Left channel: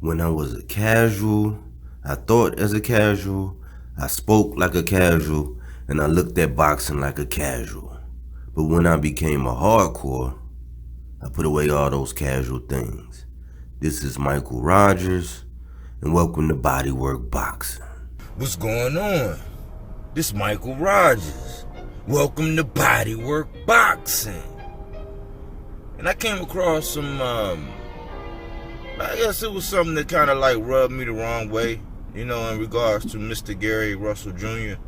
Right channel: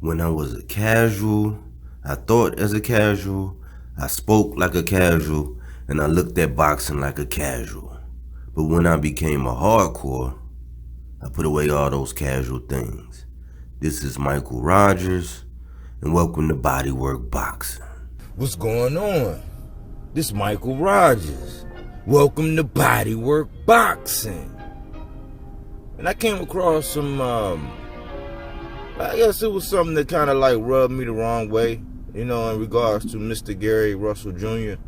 When I was a casual, I thought as a casual, I spoke like a casual, and I looked at boxing like a casual. But when I became a hardcore, I put away all those casual things. This is Michael Rogers, and welcome to Bodywork Boxing. What's going on? This is Michael Rogers. Welcome to Bodywork Boxing. And I came across some, I guess it was something that kind of like rubbed me the wrong way, in regards to Mr. Gary Russell Jr.,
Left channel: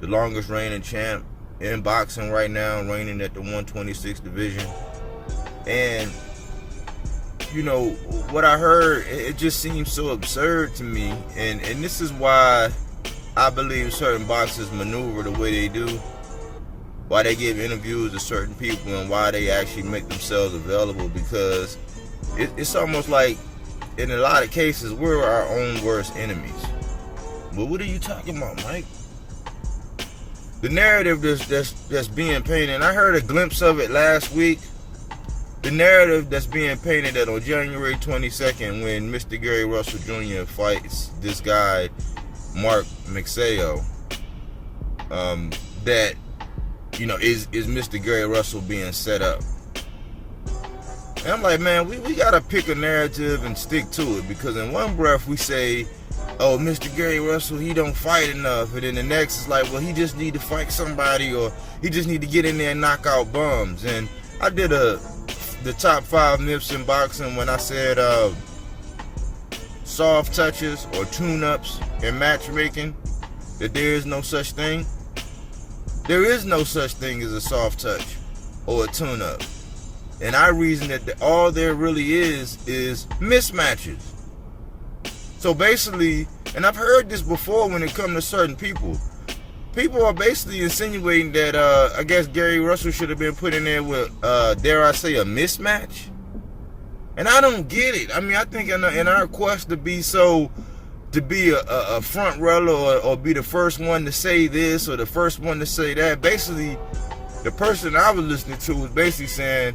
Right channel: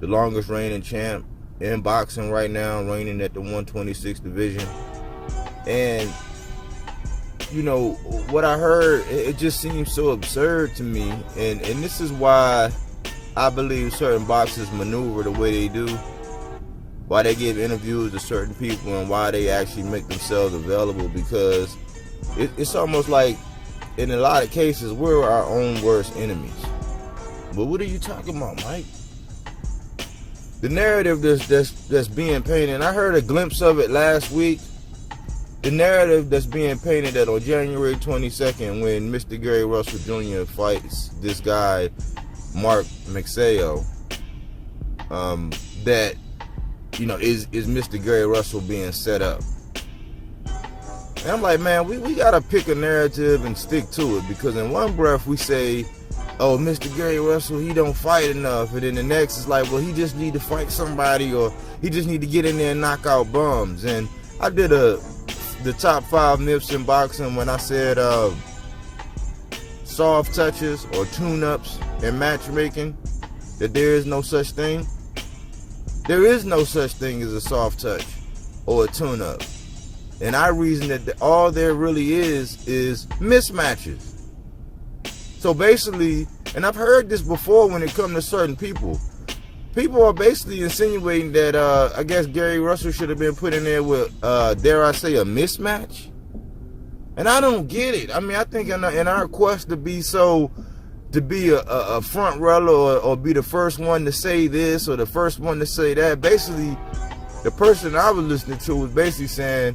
the longest reigning champ in boxing right now, reigning at the 126 division. And, what I heard, it just seems so absurd to me. And this is why I believe certain boxers maneuver the way they do, why they give interviews to certain people, and why they actually make themselves available, because it's almost like, in a lot of cases, we're our own worst enemies. But what are you talking about, Mike? The narrative that's being painted, and I heard a glimpse of it last week, the narrative that's being painted that on January 22nd, when Mr. Gary Russell Jr. fights this guy, Mark Magsayo, that, is Mr. Gary Russell being set up. And I'm like, man, we got to pick a narrative and stick to it, because in one breath we say, oh, Mr. Gary Russell, he don't fight enough. And then the next is like, well, he just need to fight somebody, or he just need to get in there and knock out bums. And I did the top 5 myths in boxing when I said soft touches or tune-ups in matchmaking, that there is no such thing. There is no such thing as a soft touch or a tune-up. And I reason that all there really is mismatches. So basically, and I've heard this before when it comes to certain people, people are basically insinuating that I guess Gary Russell should have been put in there with, dare I say, a mismatch. And I don't get it. I mean, I think in our quest to be a front runner, or be the first one to say this or the first one to say that, basically, the person I was listening to was basically saying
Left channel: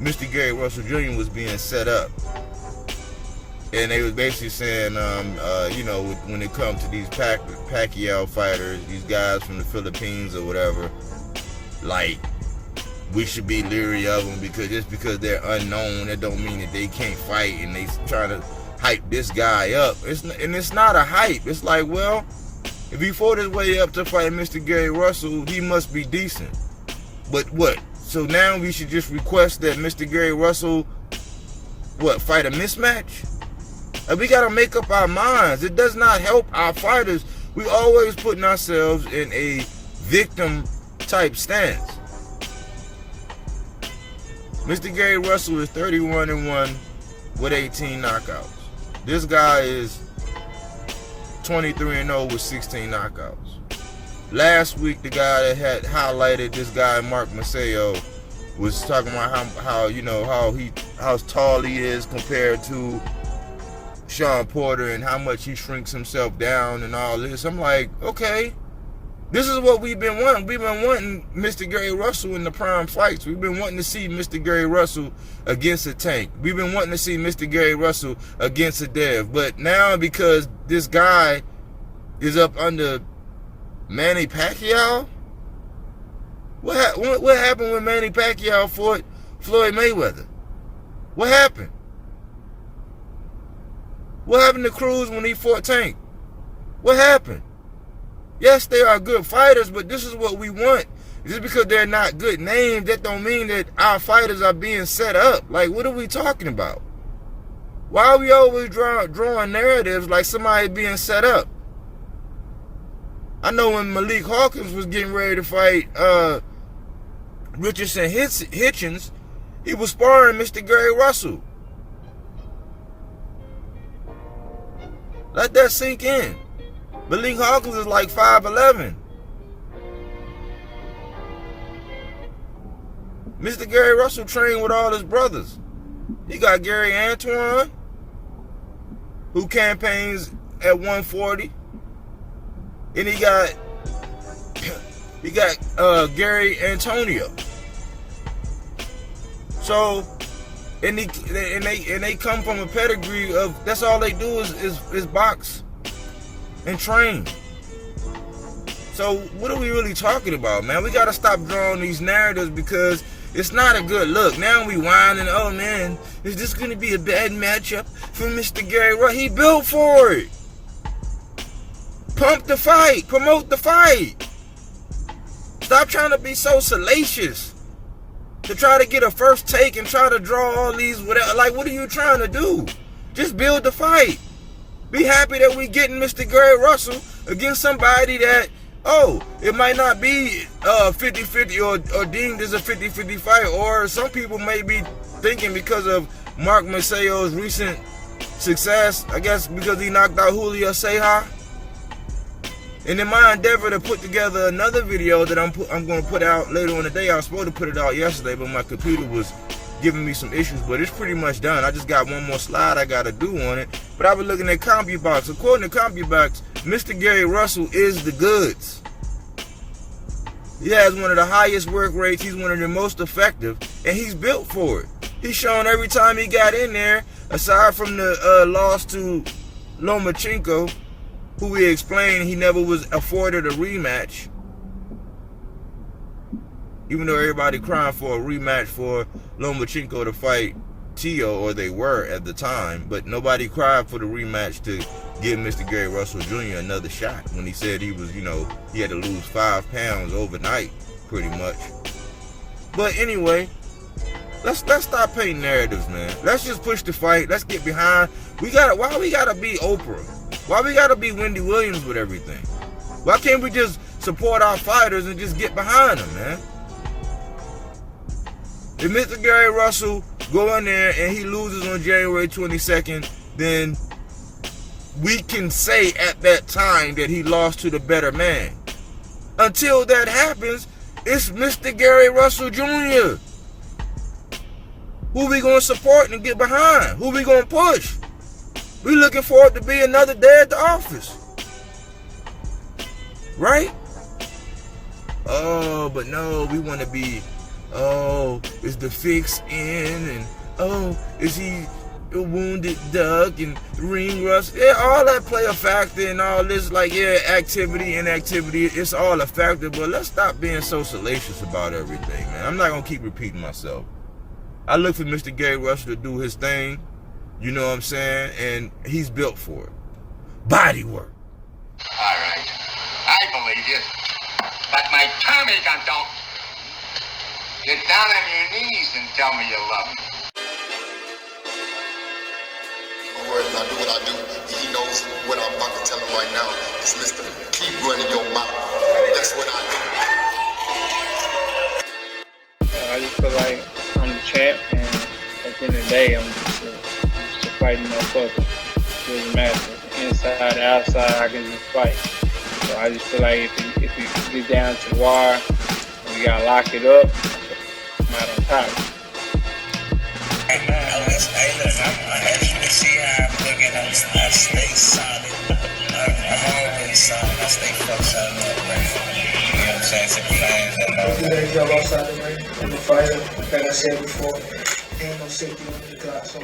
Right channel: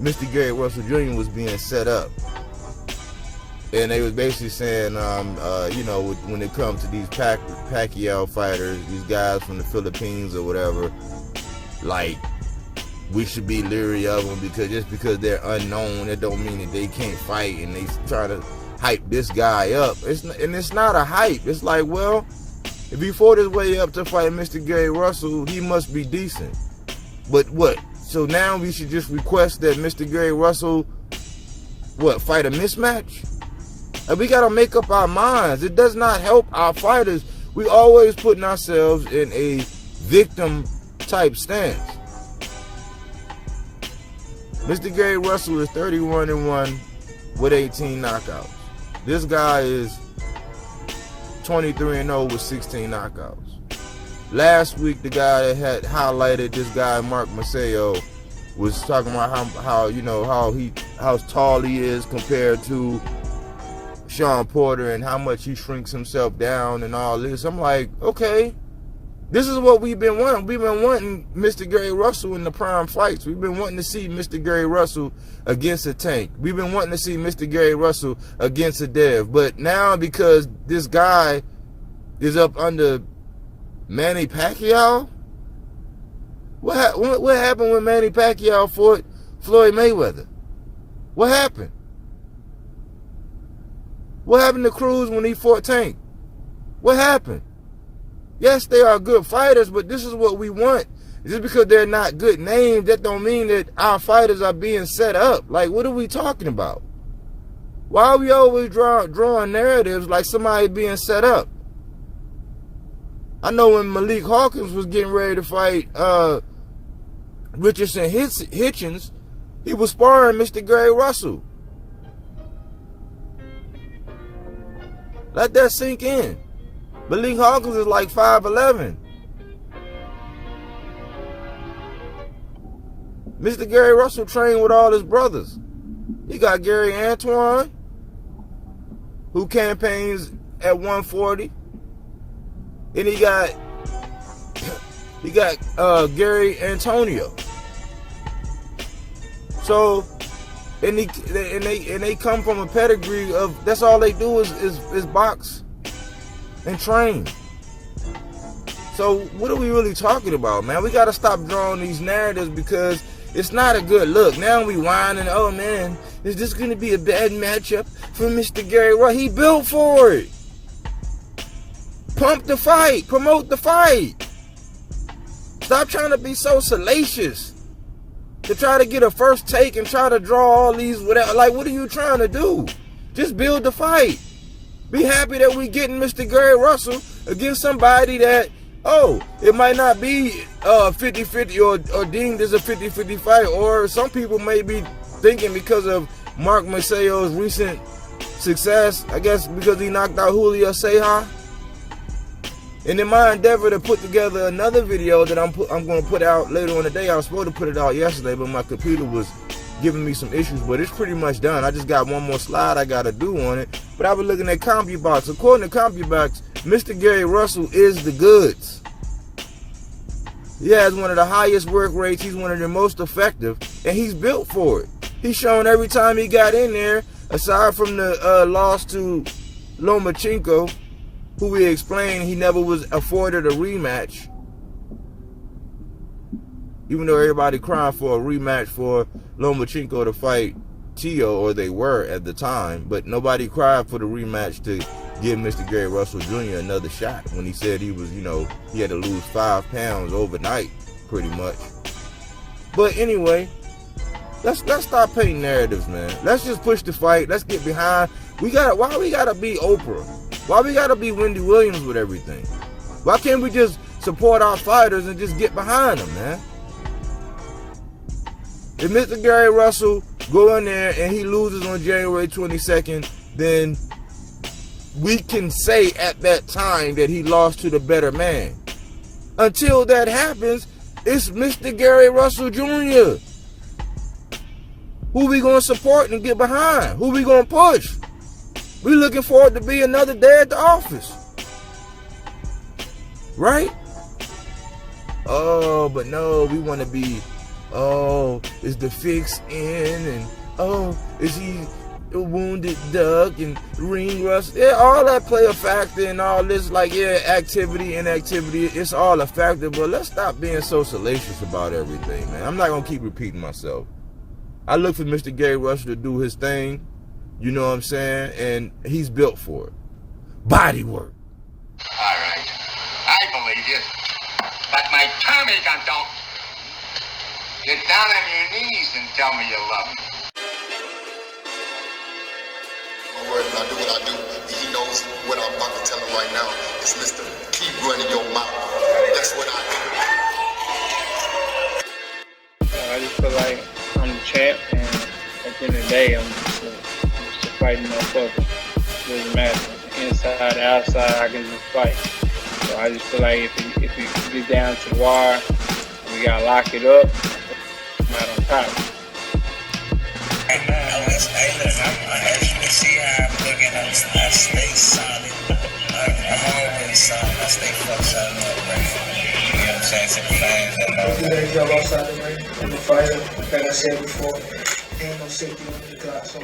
Mr. Gary Russell Jr. was being set up. And they was basically saying, when it comes to these Pacquiao fighters, these guys from the Philippines or whatever, like, we should be leery of them, because just because they're unknown, it don't mean that they can't fight, and they trying to hype this guy up. It's not a hype. It's like, well, if he fought his way up to fight Mr. Gary Russell, he must be decent. But what? So now we should just request that Mr. Gary Russell, fight a mismatch? And we got to make up our minds. It does not help our fighters. We always putting ourselves in a victim type stance. Mr. Gary Russell is 31-1 with 18 knockouts. This guy is 23-0 with 16 knockouts. Last week, the guy that had highlighted this guy, Mark Magsayo, was talking about how tall he is compared to Sean Porter, and how much he shrinks himself down and all this. I'm like, okay, this is what we've been wanting. We've been wanting Mr. Gary Russell in the prime fights. We've been wanting to see Mr. Gary Russell against a Tank. We've been wanting to see Mr. Gary Russell against a Dev. But now, because this guy is up under Manny Pacquiao, what happened when Manny Pacquiao fought Floyd Mayweather? What happened? What happened to Cruz when he fought Tank? What happened? Yes, they are good fighters, but this is what we want. Just because they're not good names, that don't mean that our fighters are being set up. Like, what are we talking about? Why are we always drawing narratives like somebody being set up? I know when Malik Hawkins was getting ready to fight Richardson Hitchens, he was sparring Mr. Gary Russell. Let that sink in. Malik Hawkins is like 5'11". Mr. Gary Russell trained with all his brothers. He got Gary Antoine, who campaigns at 140. And he got Gary Antonio. So and they come from a pedigree of, that's all they do is box and train. So what are we really talking about, man? We got to stop drawing these narratives because it's not a good look. Now we whining, oh man, is this going to be a bad matchup for Mr. Gary Russell? He built for it. Pump the fight. Promote the fight. Stop trying to be so salacious to try to get a first take and try to draw all these whatever. Like, what are you trying to do? Just build the fight. Be happy that we getting Mr. Gary Russell against somebody that, oh, it might not be 50-50 or deemed as a 50-50 fight, or some people may be thinking because of Mark Magsayo's recent success, I guess because he knocked out Julio Ceja. And in my endeavor to put together another video that I'm going to put out later on today, I was supposed to put it out yesterday, but my computer was giving me some issues, but it's pretty much done. I just got one more slide I got to do on it. But I was looking at CompuBox. According to CompuBox, Mr. Gary Russell is the goods. He has one of the highest work rates. He's one of the most effective, and he's built for it. He's shown every time he got in there, aside from the loss to Lomachenko, who we explained he never was afforded a rematch. Even though everybody crying for a rematch for Lomachenko to fight Tio, or they were at the time, but nobody cried for the rematch to give Mr. Gary Russell Jr. another shot when he said he was, he had to lose 5 pounds overnight, pretty much. But anyway, let's stop painting narratives, man. Let's just push the fight. Let's get behind. Why we gotta be Oprah? Why we gotta be Wendy Williams with everything? Why can't we just support our fighters and just get behind them, man? If Mr. Gary Russell go in there and he loses on January 22nd, then we can say at that time that he lost to the better man. Until that happens, it's Mr. Gary Russell Jr. Who we gonna support and get behind? Who we gonna push? We looking for it to be another day at the office. Right? Oh, but no, we want to be, oh, is the fix in? And, oh, is he a wounded duck and ring rust? Yeah, all that play a factor and all this, like, yeah, activity, inactivity, it's all a factor. But let's stop being so salacious about everything, man. I'm not going to keep repeating myself. I look for Mr. Gary Russell to do his thing. You know what I'm saying? And he's built for it. Body work. All right. I believe you. But my Tommy gun don't. Get down on your knees and tell me you love me. My word, I do what I do. He knows what I'm about to tell him right now. It's Mr. Keep running your mouth. That's what I do. I just feel like I'm the champ, and at the end of the day, I'm just a fighting motherfucker. It doesn't matter. Inside, outside, I can just fight. So I just feel like if it gets down to the wire, we gotta lock it up. I'm out on top. Hey, look, as you can see how I'm looking, I stay solid. I'm always solid. I stay fucked solid up, right? You know what I'm saying? To the fans that know. Do that job outside the ring. I'm a fighter, like I said before. Ain't no safety on the clock, so